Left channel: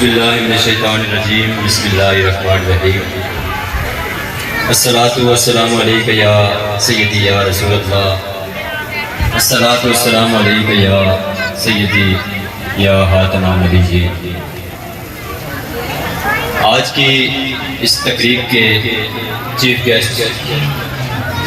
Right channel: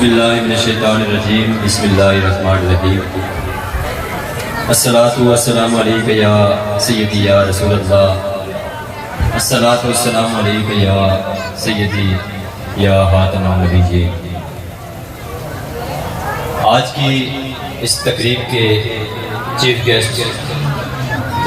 باللہ من الشیطان الرجیم بسم اللہ الرحمن الرحیم الصلاۃ والسلام علیک یا سیدی یا رسول اللہ الصلاۃ والسلام علیک یا سیدی یا خاتم النبیین۔ آج کی اس تقریب کے چیف گیسٹ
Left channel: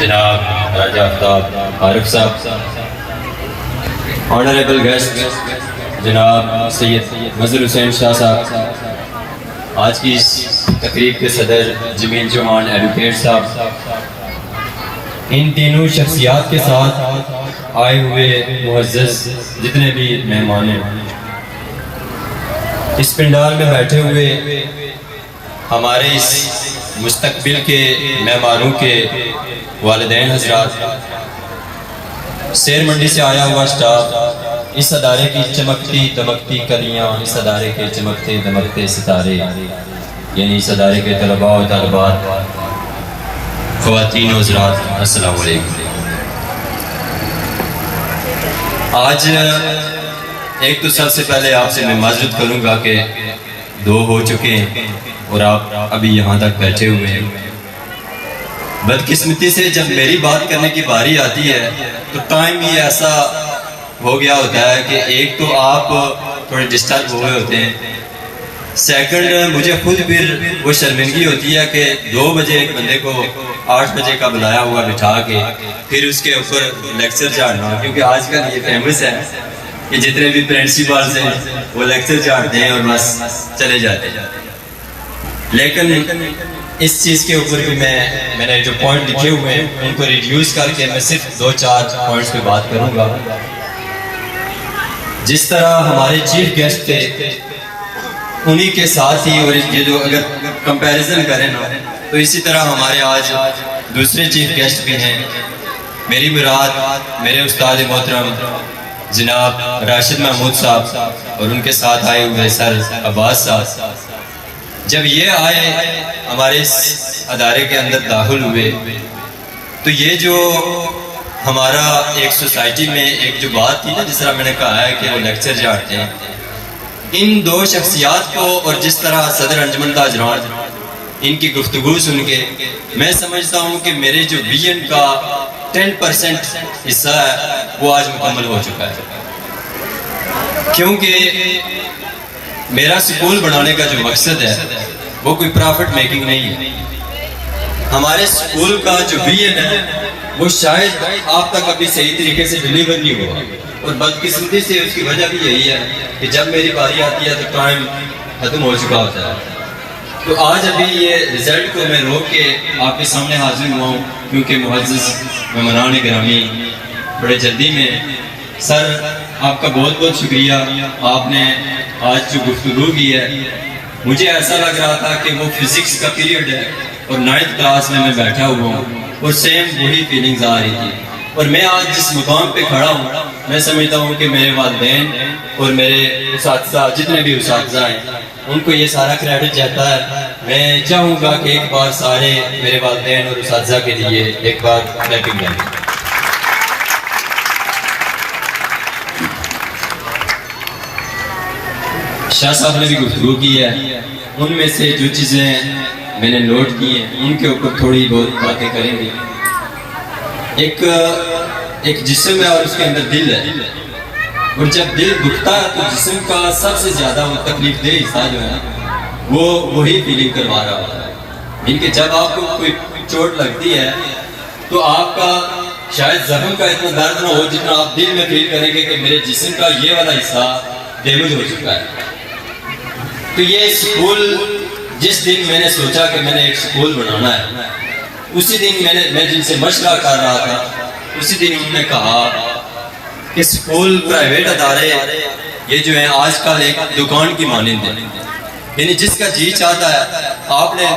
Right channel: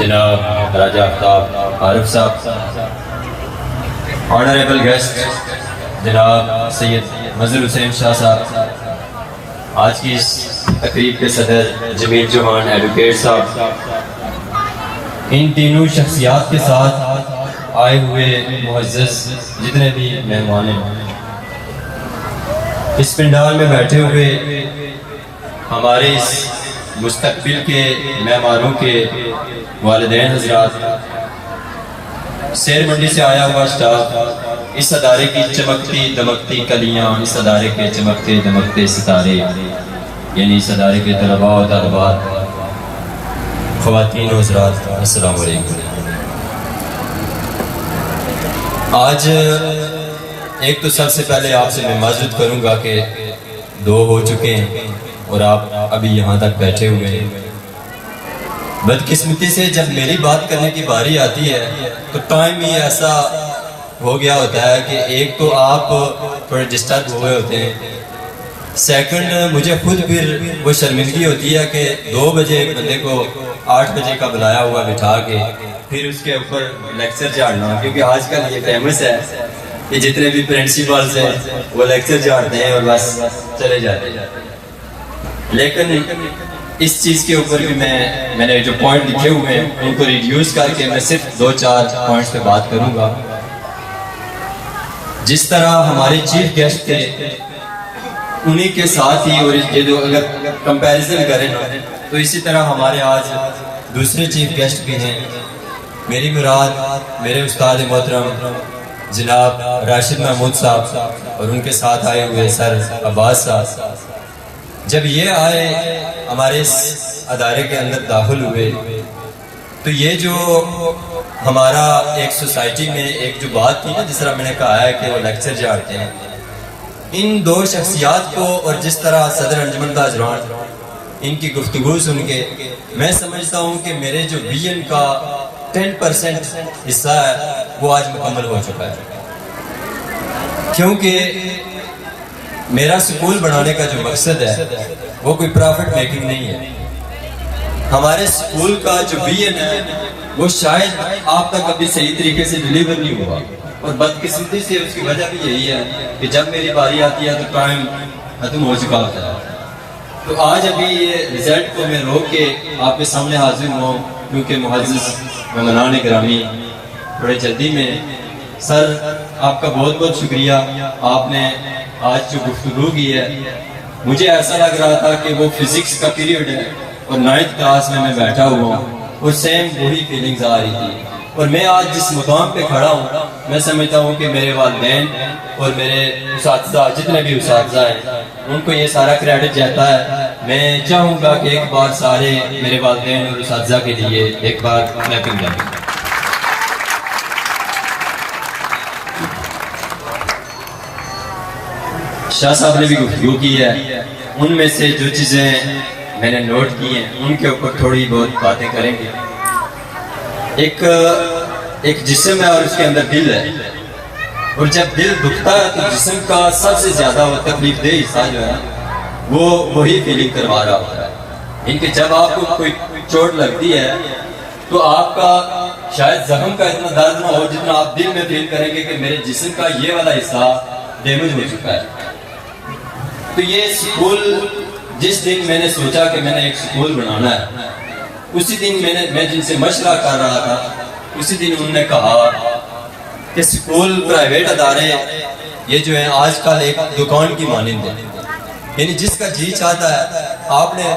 جناب راجہ آفتاب عارف صاحب، آنریبل گیسٹ جناب سید مظہر حسین شاہ صاحب، آج کی اس تقریب کے صدر جمیل چوہان ایڈوکیٹ صاحب، ان تینوں شخصیات کے ساتھ آئے ہوئے معزز جتنے بھی مہمان ہیں، اس پنڈال میں بیٹھے ہوئے ہمارے اس مستقبل کے مہمانوں کے والدین حضرات، سیر منڈی سے آیا ہوا سٹاف، اس ادارے کی چمکتی دمکتی کلیاں، اس ادارے کے چمکتے دمکتے ستارے، یعنی اس ادارے کے طلباء و طالبات، خواتین و حضرات، السلام علیکم۔ آج ایک تو سب سے پہلے آپ سے میں معذرت کروں گا کہ 2 ہو چکے ہیں اور آپ ابھی یہاں تک بیٹھے ہوئے ہیں۔ بدقسمتی سے جب میری بات کرنے کی باری آتی ہے تو ٹائم ہی ایسا ہو گیا ہوتا ہے کہ ایک تو آپ تھوڑے ڈسٹرب ہوئے ہوتے ہیں، سیکنڈ مجھے خود پھر وہ شرمندگی ہوتی ہے کہ 2 بجے ایک بندے کو 8 بجے کا بلایا ہوا بٹھا کے پھر اس کے اوپر لیکچر جھاڑنا، کیونکہ آج کل یہ فیمس ہے کہ جتنے بھی پرنسپلز ہیں وہ لیکچر جھاڑتے ہیں اور بس چلے جاتے ہیں۔ لیکن اس چیز کے اوپر بھی میں نے جو پوائنٹ لکھے ہوئے ہیں ان کو ریڈیوس کر کے میں صرف 2-4 پوائنٹس پہ بات کروں گا۔ جس طرح ہمارے چیف گیسٹ تھے انہی کے ساتھ ہی، اور یہ جو اگر کمپیریزن کریں نا تو اسی طرح ہمارے آج دوسرے چیف گیسٹ بھی ہیں۔ میری مراد میرے استاد محترم جناب راشد محمود صاحب اور ان کے ساتھ آئے ہوئے سر عباس صاحب، جب یہ آئے ہمارے اس ادارے کے اندر داخل ہوئے تو یہ جو ہمارا ایک سوسائٹی میں ایک جو بات تھی نا، جس طرح میں نے کہا ہے کہ وہ لیکچر جھاڑتے ہیں، ان 2 شخصیات کو اور جس طرح صدر انجمن تاجران ان کی گفتگو سن کے میں سمجھتا ہوں کہ میرے جو ویژن کا 10% حصہ ہے وہ آج مکمل ہو چکا ہے، کیونکہ میرا سکول بنانے کا جو مقصد ہے وہ کوئی پرافٹ میکنگ نہیں ہے۔ ہمارے سکول کا جو ویژن ہے وہ شاید آپ تک ابھی صحیح طریقے سے ڈیلیور نہیں ہوا، اور بدقسمتی سے اس کی وجہ بھی یہی ہے کہ جب میری باری آتی ہے تو ٹائم ختم ہو چکا ہوتا ہے۔ تو آج ابھی یہ رزلٹ کو میں روک کے آپ کے سامنے حاضر ہوا ہوں، کیونکہ معزز مہمانان گرامی بڑے جلدی میں، سر آپ کا بہت بہت شکریہ، آپ نے آج جو گفتگو کی ہے مجھے ایسا لگ رہا تھا کہ وہ فزکس کا پیریڈ ہے اور 9th کلاس میں بیٹھا ہوا ہوں اور سیم وہی فیلنگز آ رہی تھی، اور میں آج جس مقام پہ کھڑا ہوں میں سمجھتا ہوں کہ میرے والدین اور میرے اساتذہ جتنے بھی اساتذہ ہیں ان کو یہ سارا کریڈٹ جاتا ہے۔ میں چاہوں گا کہ ایک بار سارے میرے والدین اور اساتذہ کے لیے ایک بار کلیپنگ کریں۔ شاہ صاحب نے بھی گفتگو کی ہے، ان میں سے جو چیزیں میں نے نوٹ کی ہیں ان کے اوپر تھوڑی بہت باتیں کریں گے۔ ایک جسم ہے اور اس کے اندر دل ہے، اور جب دل دکھتا ہے تو جسم کا سب سے زیادہ تکلیف دہ حصہ جو ہے وہ وہی فیلنگ کروا رہا ہوتا ہے، ان کہ جب آپ کو کوئی چوٹ لگتی ہے تو آپ کا شاید زخم کا اتنا درد نہ ہو جتنا آپ دل میں فیل کریں گے کہ میرے جسم کا یہ والا حصہ ڈیمیج ہو چکا ہے۔ تو یہ سکول، جس دن میں نے سوچا کہ میں نے ایک سکول بنانا ہے، اسی دن میں جن سے مشورہ کر رہا تھا اسی دن انہوں نے کہا کہ سکول پرائیویٹ ادارے یہ جو ہیں آج کل ایک دکان کی مانند ہے، یعنی جس کا جی چاہتا ہے، آپ نے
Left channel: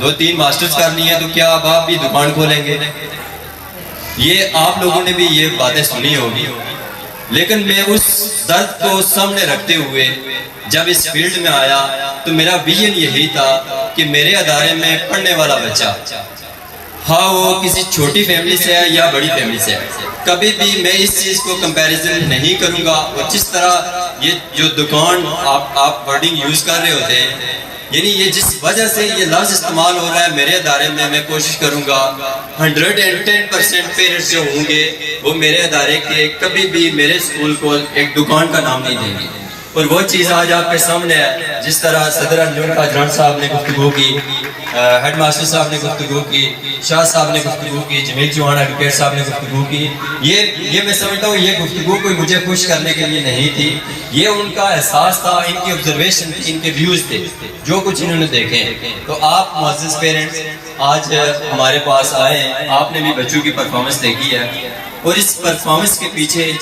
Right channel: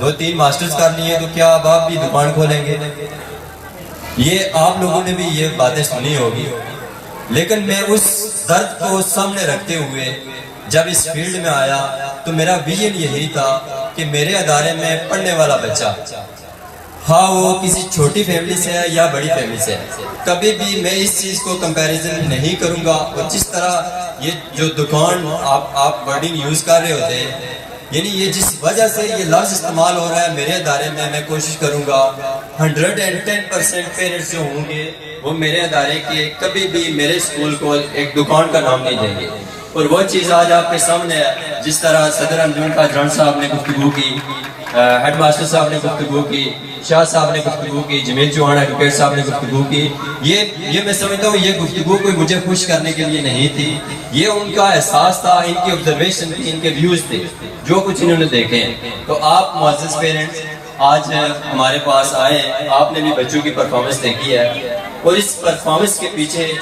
2-3 ماسٹرز کر لی ہیں تو کیا اب آپ بھی دکان کھولیں گے؟ یہ آپ لوگوں نے بھی یہ باتیں سنی ہوگی، لیکن میں اس درد کو سامنے رکھتے ہوئے جب اس فیلڈ میں آیا تو میرا ویژن یہی تھا کہ میرے ادارے میں پڑھنے والا بچہ، ہاں وہ کسی چھوٹی فیملی سے ہے یا بڑی فیملی سے ہے، کبھی بھی میں اس چیز کو کمپیریزن نہیں کروں گا، اور جس طرح یہ جو دکان آپ ورڈنگ یوز کر رہے ہوتے ہیں، یعنی یہ جس وجہ سے یہ لفظ استعمال ہو رہا ہے میرے ادارے میں کوشش کروں گا 110% پیرنٹس جو ہوں گے وہ میرے ادارے کے کبھی بھی میرے اسکول کو ایک دکان کا نام نہیں دیں گے. اور وہ چیز آج آپ کے سامنے ہے، جس طرح صدر انجمن کا جان صاحب نے گفتگو کی، ہیڈ ماسٹر صاحب نے گفتگو کی، شاہ صاحب نے گفتگو کی، جمیل چوہان ایڈوکیٹ صاحب نے گفتگو کی. یہ میں سمجھتا ہوں یہ گفتگو کوئی مجھے خوش کرنے کے لیے نہیں تھی، یہ ان کا احساس تھا، ان کی آبزرویشن تھی، ان کے ویوز تھے جو کچھ انہوں نے دیکھے. تو آپ معزز پیرنٹس آج ہمارے پاس آئے ہیں، آپ نے بھی بچوں کی پرفارمنس دیکھی ہے، اور اس پرفارمنس کے پیچھے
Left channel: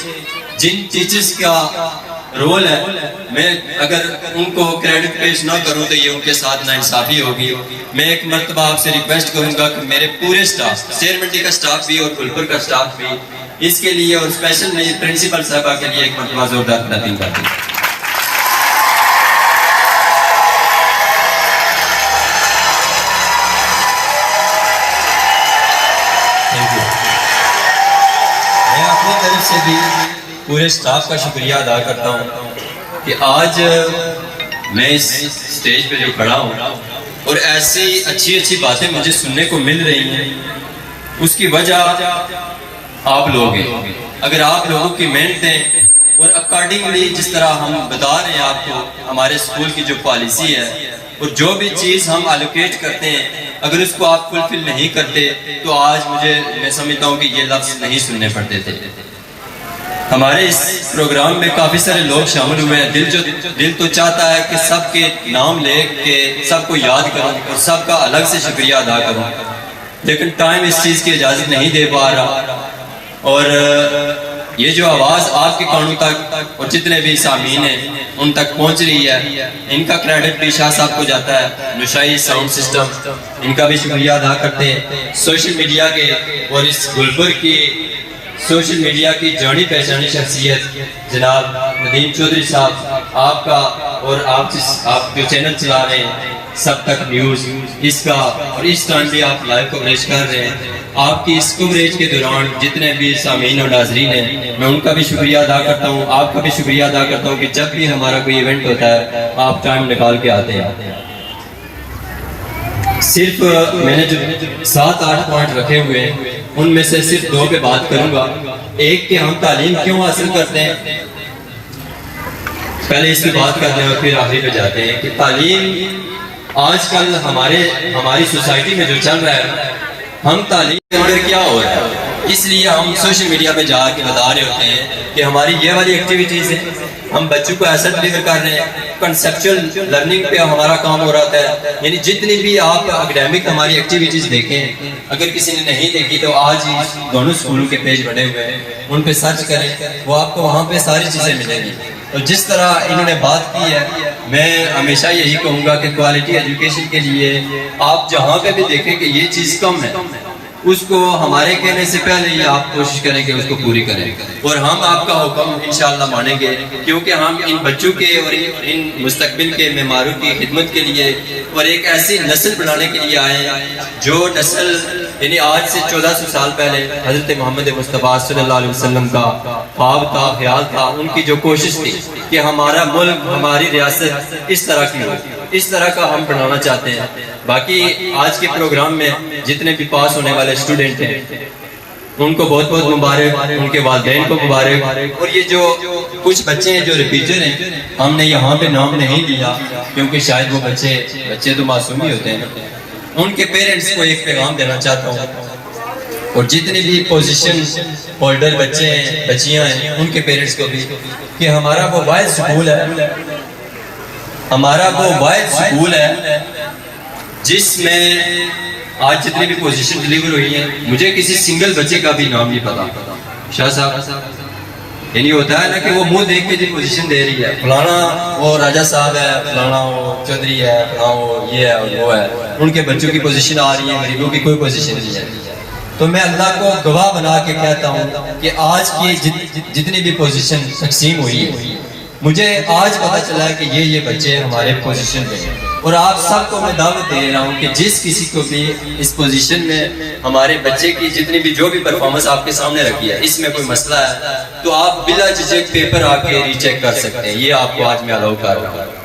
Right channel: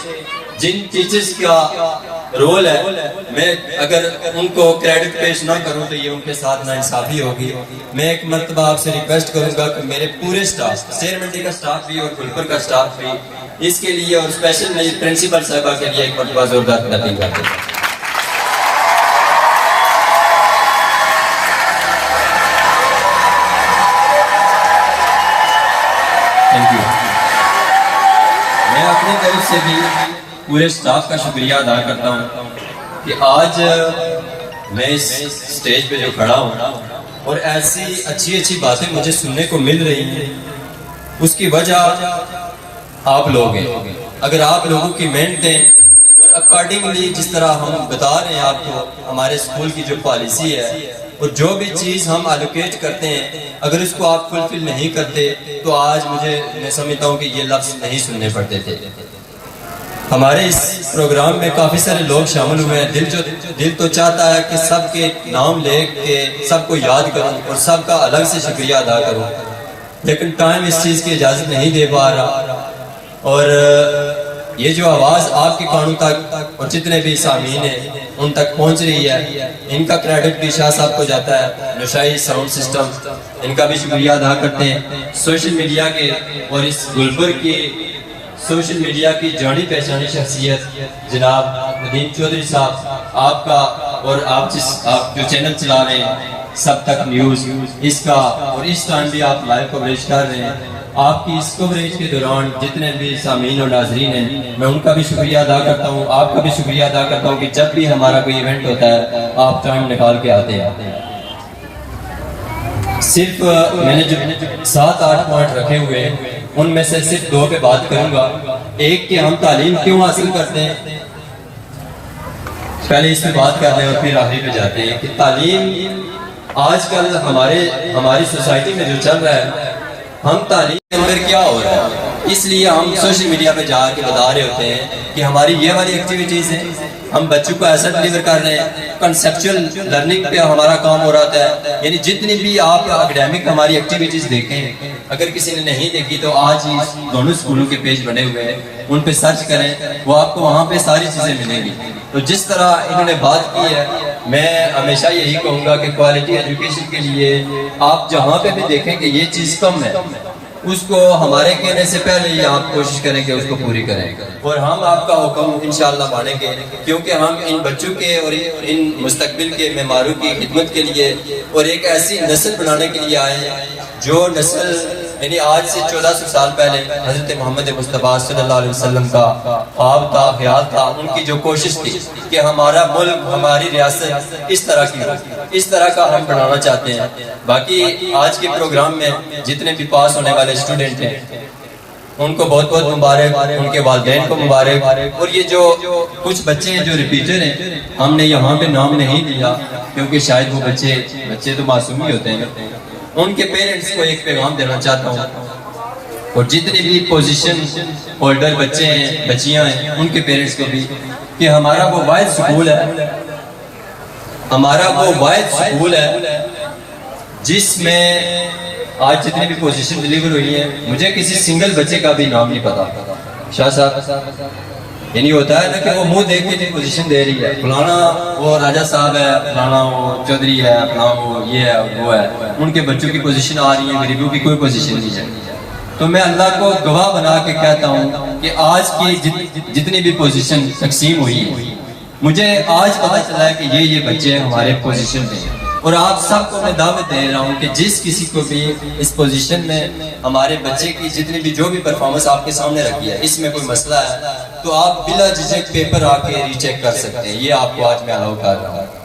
جن ٹیچرز کا رول ہے، میں اگر ان کو کریڈٹ پیش نہ کروں تو یہ ان کے ساتھ ناانصافی ہوگی. میں ایک مرتبہ آپ سے ریکویسٹ کروں گا کہ میرے پورے سٹاف، سیر منڈی کا سٹاف بھی اور گلپور کا سٹاف بھی اس کے لیے، اور اسپیشل میں پرنسپل صاحبہ کے لیے ایک مرتبہ زوردار تقدیم کرتے ہیں. Thank you. میں اپنی طرف سے بھی پورے سٹاف کا شکریہ ادا کرتا ہوں کہ آج میں اس سٹیج پہ جو کھڑا ہوں اور ایسی اچھی باتیں مجھے سننے کو مل رہی ہیں، اس کی وجہ آپ لوگ ہیں. اگر آپ لوگوں کی محنتیں اور اکارڈنگلی جس طرح ہم بتا رہے ہیں آپ کو ہمارے اسکول کی جو پالیسی ہے اور جو بھی چیز ہم الوکیٹ کرتے ہیں، اگر اس کو آپ فلفل نہیں کرتے تو آج میں سمجھتا ہوں کہ یہ لفظ نہیں سننے پڑتے تھے. ہمارے اس پروگرام میں کافی سارے لوگ شامل ہوئے ہیں. دل تو چاہتا ہے کہ سب کے نام لے کے سب کو یاد کروں اور سب کا الگ سے شکریہ ادا کروں، لیکن ٹائم اس چیز کی اجازت نہیں دے پا رہا. اور یہ جو آواز آپ کے کانوں تک اور جتنے بھی سامعین ہیں ان تک پہنچ رہی ہے، ان کا کریڈٹ بھی شاہ صاحب کو جاتا ہے. نشائی ساؤنڈ سسٹم، ان کا بھی شکریہ ادا کرتے ہیں. سوشل میڈیا کے اور اس گلپور کی سوشل میڈیا کی جانی پہچانی شخصیت جناب ندیم چودھری صاحب، آپ کا اور آپ جو چینل چلا رہے ہیں سب تک نیوز، اس کا اور اس ٹائم بھی آپ لائیو کوریج کر رہے ہیں. آپ کی اس کوریج کے دوران جتنے بھی سامعین اور ناظرین ہیں میں ان کا بھی شکریہ ادا کرتا ہوں، آپ کا بھی شکریہ ادا کرتا ہوں کہ جب بھی ہمارا کوئی ایونٹ ہوتا ہے آپ ٹائم نکال کے آتے ہیں. صرف میں نے جو 7-8 پوائنٹ رکھے ہوئے ہیں ان میں سے صرف 2 پہ بات کروں گا. ایک کہ ہم تعلیم کیوں حاصل کرتے ہیں، پہلے اس پہ بات کرتے ہیں اور پھر آخری پہ جاتے ہیں کہ تعلیم آج کل ہماری سوسائٹی میں جو چل رہا ہے، ہم تعلیم کے اندر کیا ہو رہا ہے، اس لیے ہم سوشل میڈیا پہ جا کے بتا رہے ہوتے ہیں کہ ہماری یہ والی ایکٹیویٹیز ہیں، ہم بچوں کو ایسا ڈلیور کر رہے ہیں. کنسیپچول لرننگ پہ ہمارا کام ہو رہا ہے. یعنی جتنی بھی آپ اکیڈیمک ہماری ایکٹیویٹیز دیکھیں، اگر کسی نے نہیں دیکھی تو آج ہی دونوں اسکولوں کے پیج بنے ہوئے ہیں، ان پہ سرچ کریں، وہ آپ کو وہاں پہ ساری چیزیں ملیں گی. تو جس طرح انہوں نے بات کی ہے، میں ہمیشہ یہی کہوں گا کہ کوالٹی ایجوکیشن کے لیے آپ جہاں پہ بھی دیکھیں کہ یہ چیز کم ہے، اس کو ہمارے کہنے سے پہلے ہی آپ کوشش کریں کہ اس کو پوری کریں، اور ہم آپ کا حکم انشاءاللہ مانیں گے، کیونکہ ہم ان بچوں کے اور ان مستقبل کے معماروں کی خدمت کے لیے اور ایک ایسی نسل بنانے کے لیے آئے ہیں جو نسل یعنی آج سے 1400 سال پہلے حضرت محمد مصطفیٰ صلی اللہ علیہ وسلم کا خواب تھا، خیال تھا، ان کی جو کوشش تھی کہ ہمارا ملک، ہماری ریاست اس طرح کی ہو، اس طرح کا ہم بنانا چاہتے ہیں. باقی آج کے پروگرام میں جتنے بھی پاس ہونے والے اسٹوڈنٹ ہیں ان کو بہت بہت مبارک، ان کے والدین کو مبارک. اور یہ جو کچھ بچے ہیں جو ریپیٹر ہیں، ہم نے یہاں پہ نام نہیں لیا کیونکہ شاید وہ بچے تو معصوم ہی ہوتے ہیں. ان کے پیرنٹس کو ایک پیغام دینا چاہتا ہوں، اور جتنے بھی پوزیشن ہولڈر بچے ہیں، بچیاں ہیں، ان کے پیرنٹس کو بھی، کہ ہمارا وہ واحد سکول ہے، ہمارا وہ واحد سکول ہے جس میں آج جتنے بھی پوزیشن ڈیلیور ہوئی ہیں، مجھے کسی سنگل بچے کا بھی نام نہیں پتا. شاہ صاحب یعنی ہوتا ہے نا کہ وہ منہ دیکھ کے جو پوزیشن دے رہی ہے، فلانا وہ راجہ صاحب ہے، فلانا وہ چودھری ہے، فلانا وہ یہ ہے وہ ہے، ان کے بچوں کی پوزیشن آ رہی ہے، غریبوں کی کوئی پوزیشن نہیں ہے. تو میں اللہ کو گواہ بنا کے کہتا ہوں کہ آج کی جتنی بھی پوزیشن تقسیم ہوئی ہے، مجھے آج پتا چلا ہے کہ یہ بچے ہمارے پوزیشن پہ ہیں. اور آپ سب کو میں دعوت دے رہا ہوں کہ جس کسی کو بھی اس پوزیشن میں ہمارے بچے کی جتنی بھی جو بھی پرفارمنس آپ کے سامنے رکھی ہے اس میں کوئی مسئلہ ہے تو آپ بلا جھجک پیپر آ کے ری چیک کر سکتے ہیں. یہ آپ کو آج میں الاؤ کر رہا ہوں.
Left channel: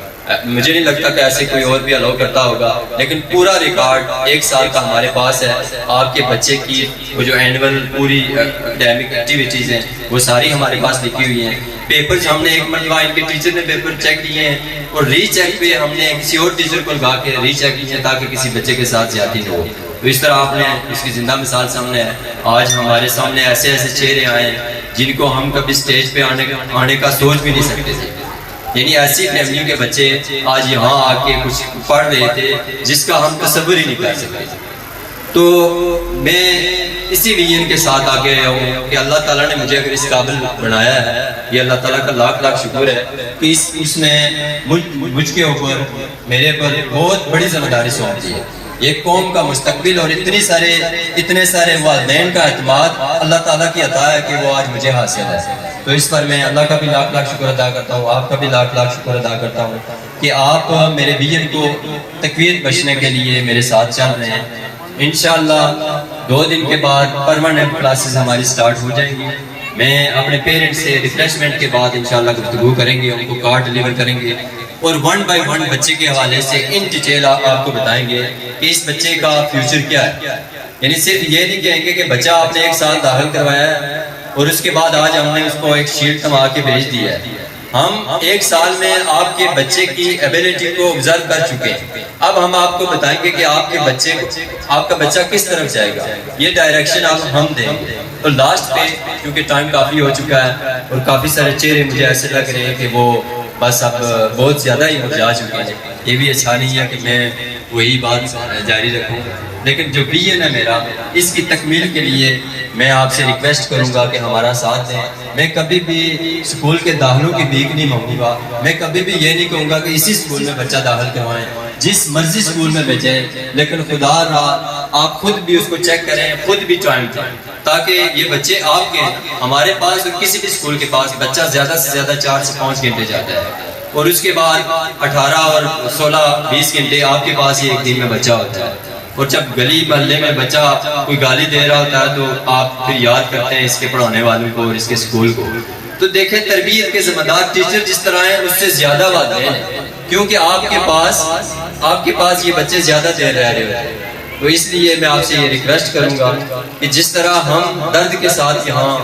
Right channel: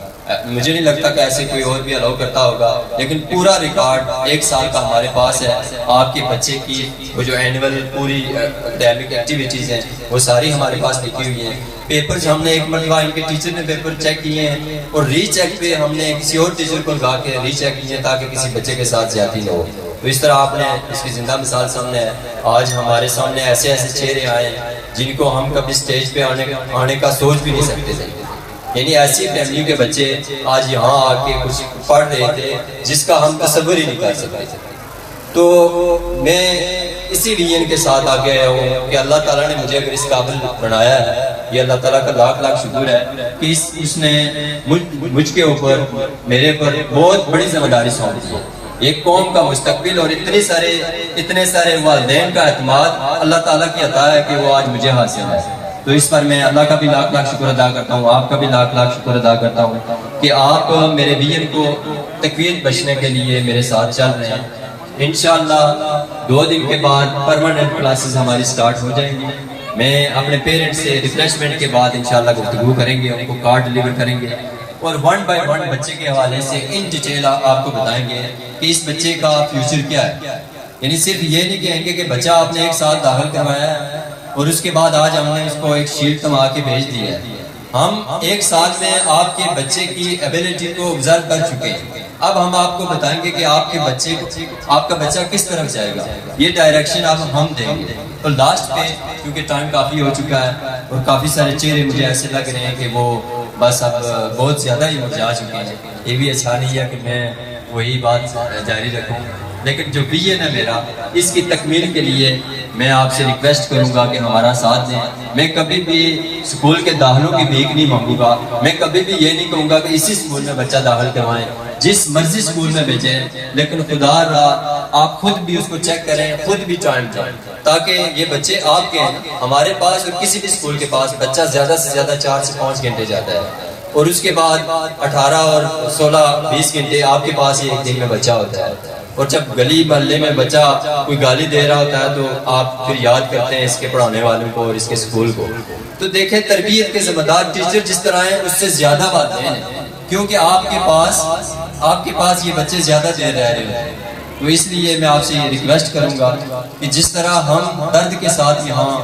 مجھے نہیں لگتا کہ ایسے کوئی اور بھی الاؤ کرتا ہوگا, لیکن پورا ریکارڈ 1 سال کا ہمارے پاس ہے. آپ کے بچے کی وہ جو اینول پوری اکیڈمک ایکٹیویٹیز ہیں وہ ساری ہمارے پاس لکھی ہوئی ہیں. پیپر جو ہم نے ایک مرتبہ ان کے ٹیچر نے پیپر چیک کیے ہیں اور ری چیک پہ ہم نے کسی اور ٹیچر کو لگا کے ری چیک کیے ہیں تاکہ کسی بچے کے ساتھ زیادتی نہ ہو. تو اس طرح آپ نے اس کی زندہ مثال سامنے ہے. آج ہمارے سامنے ایسے ایسے چہرے آئے ہیں جن کو ہم کبھی اسٹیج پہ آنے کا سوچ بھی نہیں سکتے تھے. یعنی ایسی فیملیوں کے بچے آج یہاں آ کے کچھ پڑھ رہے تھے جس کا ہم تصور ہی نہیں کر سکتے. تو میں اسی ویژن کے ساتھ آگے آیا ہوں کہ اللہ تعالیٰ نے مجھے اگر اس قابل بنایا ہے, یہ اللہ تعالیٰ کا لاکھ لاکھ شکر ہے کہ اس نے مجھ کے اوپر میرے پر بہت بڑی ذمہ داری سونپ دی ہے. ایک قوم کا مستقبل اور اتنے سارے والدین کا اعتماد اللہ تعالیٰ کی عطا ہے کہ وہ آج مجھے حاصل ہے. تو اس پر میں اللہ کا بھی لاکھ لاکھ شکر ادا کرتا ہوں, آپ کا بھی لاکھ لاکھ شکر ادا کرتا ہوں کہ آپ میرے ویژن کو تقویت بخشنے کے لیے میرے ساتھ چل رہے ہیں. انشاءاللہ 2 دن کے بعد پرماننٹ کلاسز ہماری سٹارٹ ہو جائیں گی. میں اپنے پیرنٹس سے ریفریشمنٹ کے بعد انشاءاللہ گفتگو کریں گے, ان کو کارڈ ڈیلیور کریں گے اور 1 بائی 1 بچے کے حوالے سے ان ڈیٹیل آپ کو بتائیں گے کہ اس بچے کا فیوچر کیا ہے. یعنی صرف یہ نہیں کہیں گے کہ بچہ آپ نے 1 سال داخل کروایا ہے اور اس کے بعد آج ہم نے اس کو ایک شیٹ کما کے بھیج دیا ہے. ہم 1 سال میں آپ کے بچے کی ایبیلٹی کو آبزرو کر چکے ہیں. اب ہم آپ کو بتائیں گے کہ آپ کا بچہ کس طرف جائے گا, یہ ڈائریکشن ہم دیں گے. تو لاسٹ پہ کیونکہ ٹائم کافی ہو چکا ہے اور کافی سارے چہرے مجھے ایسے لگ رہے ہیں کہ وہ بس اب بہت زیادہ ہی مرجھا چکے ہیں. یہ بھی اچھا نہیں ہے کہ میں وہی بات جاری رکھوں, لیکن جو ویژن ہے میرا اس کی تکمیل کے لیے میں آپ سے ریکویسٹ کروں گا کہ ہمارا ساتھ دیں. میں کبھی بھی اسکول کے داخلوں کی بھیک نہیں مانگوں گا. میں کبھی بھی یہ نہیں کہوں گا کہ اسی اسکول میں بچہ داخل کروائیں, جس مرضی اسکول میں بھیجیں, لیکن خدا را آپ خود بھی اس کو چیک کریں, خود بھی ٹائم دیں تاکہ یہ بچے آپ کے ہمارے پاس اور کسی بھی اسکول کے پاس بچہ زیادہ سے زیادہ 4 سے 5 گھنٹے جاتا ہے اور اس کے بعد 18 اور 16 20 گھنٹے آپ کے ہی ایک دن میں بچہ ہوتا ہے. اور جب گلی محلے میں بچہ کوئی گالی دے رہا ہوتا ہے تو آپ پھر یاد کرتے ہیں اس کے پڑھانے والوں کو اور اس کے اسکول کو. تو دیکھیں تربیت کے ذمہ دار ٹیچر جس طرح ہیں اس سے زیادہ والدین ہیں, کیونکہ آپ کے پاس یہ بچے زیادہ دیر رہ رہے ہیں. تو اس لیے میں آپ سے یہ ریکویسٹ کروں گا کہ جس طرح ہم درد کے ساتھ یہاں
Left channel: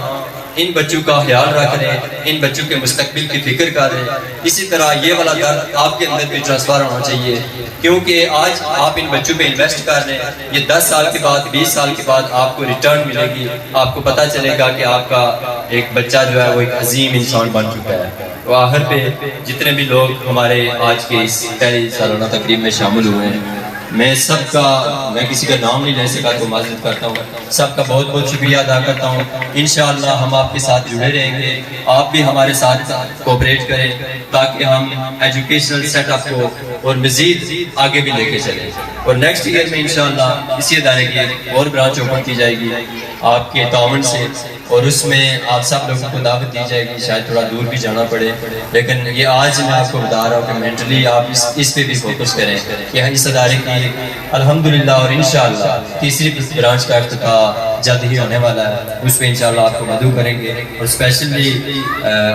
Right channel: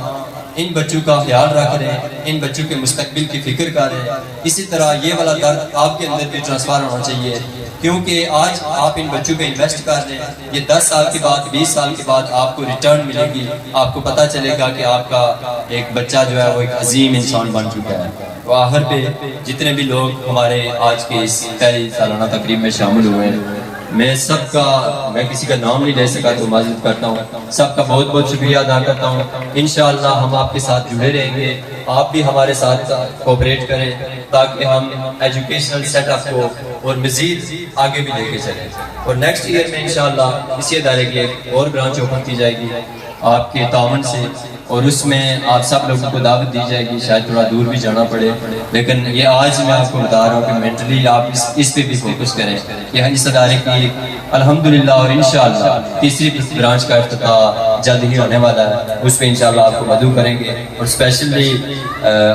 ان بچوں کا خیال رکھ رہے ہیں, ان بچوں کے مستقبل کی فکر کر رہے ہیں, اسی طرح یہ والا درد آپ کے اندر بھی ٹرانسفر ہونا چاہیے. کیونکہ آج آپ ان بچوں پہ انویسٹ کر رہے ہیں, یہ 10 سال کے بعد 20 سال کے بعد آپ کو ریٹرن ملے گی. آپ کو پتہ چلے گا کہ آپ کا ایک بچہ جو ہے وہ ایک عظیم انسان بن چکا ہے. تو آخر پہ جتنے بھی لوگ ہمارے آج کے اس پہلی سالانہ تقریب میں شامل ہوئے ہیں, میں سب کا, میں کسی کا نام نہیں لے سکا تو معذرت کرتا ہوں, سب کا بہت بہت شکریہ ادا کرتا ہوں. انشاءاللہ ہم آپ کے ساتھ جڑے رہیں گے, آپ بھی ہمارے ساتھ کوپریٹ کریں تاکہ ہم ایجوکیشنل سیٹ اپ کو اور مزید آگے بھی لے کے چلیں. اور نیکسٹ ایئر میں انشاءاللہ اسی ادارے کی ایک اور برانچ اوپن کی جائے گی آپ کے تعاون سے, اور اس میں آپ سب لوگوں کو دعوت دی جائے گی. شاید تھوڑا دور بھی جانا پڑے, لیکن یہ آج میں آپ کو بتا رہا ہوں کہ مینٹلی آپ اس پہ بھی فوکس کریں کہ اس ادارے کی الحمدللہ اور انشاءاللہ تیسری برانچ کا افتتاح جلد ہی ہونے والا ہے. اس پہ انشاءاللہ آپ کو مدعو کریں گے. اور اسپیشلی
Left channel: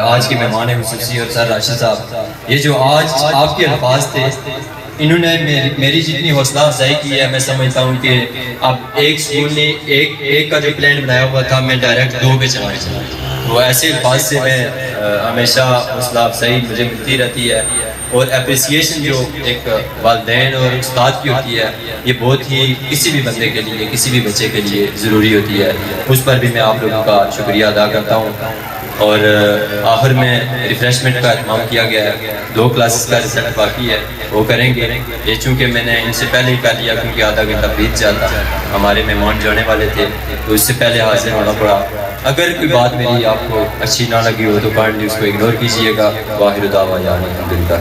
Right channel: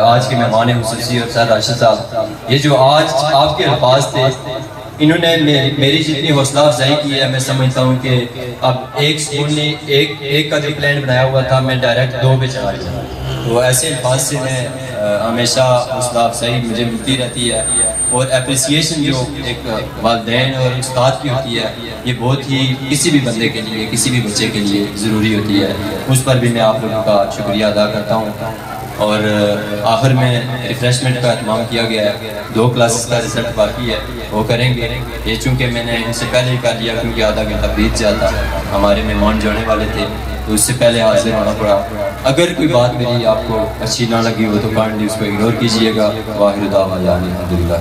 آج کے مہمان خصوصی اور سر راشد صاحب, یہ جو آج آپ کے الفاظ تھے انہوں نے میری جتنی حوصلہ افزائی کی ہے, میں سمجھتا ہوں کہ اب ایک اسکول نے ایک کا جو پلان بنایا ہوا تھا میں ڈائریکٹ 2 پہ چلا گیا. تو ایسے الفاظ سے میں ہمیشہ حوصلہ افزائی مجھے ملتی رہتی ہے. اور اپریسیشن جو ایک والدین اور استاد کی ہوتی ہے یہ بہت ہی کسی بھی بندے کے لیے, کسی بھی بچے کے لیے ضروری ہوتی ہے. اس پر بھی میں آپ لوگوں کا شکریہ ادا کرتا ہوں. اور آخر میں ریفریشمنٹ کا اہتمام کیا گیا ہے. 2 کلاسز کا رزلٹ باقی ہے, وہ کریں گے. یہ چونکہ میں نے ان سے پہلے ہی کر لیا کیونکہ آدھا گھنٹہ بیت جاتا, ہمارے مہمان جانے والے تھے تو اس سے پہلے حاضر ہونا پڑا. اگر کوئی بات میری آپ کو اچھی نہ لگی ہو تو کائنڈلی اس کو اگنور کیجیے گا. واخر دعوانا الحمدللہ.